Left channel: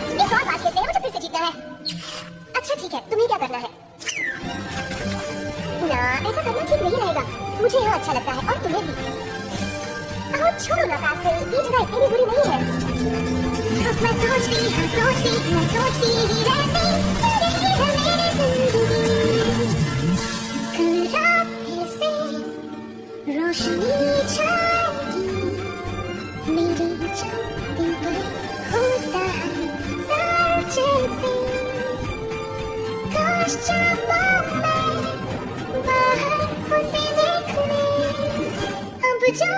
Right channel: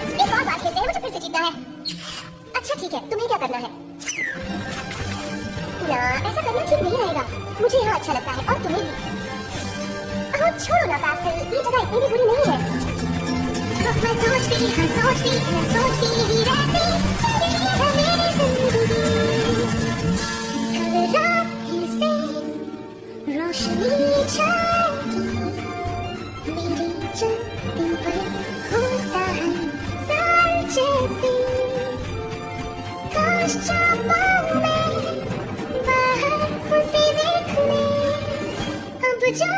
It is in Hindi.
एक और बात खेलते हैं, मुझे फिर से जीतना है। अच्छा ठीक है, तुम्हें क्या करना है? ना, ऐसा करना ठीक नहीं रहेगा। मुझे यहाँ अच्छा लगता है और तुम्हें भी। छोड़ो ना पास्कल, ये जगह इतनी बुरी नहीं है। मैं सोचती रहती कल रात से रोशनी मेरी चलती पर होता है सार जैसी। काश चाहूं मैं बाहर उसे देखने अब जा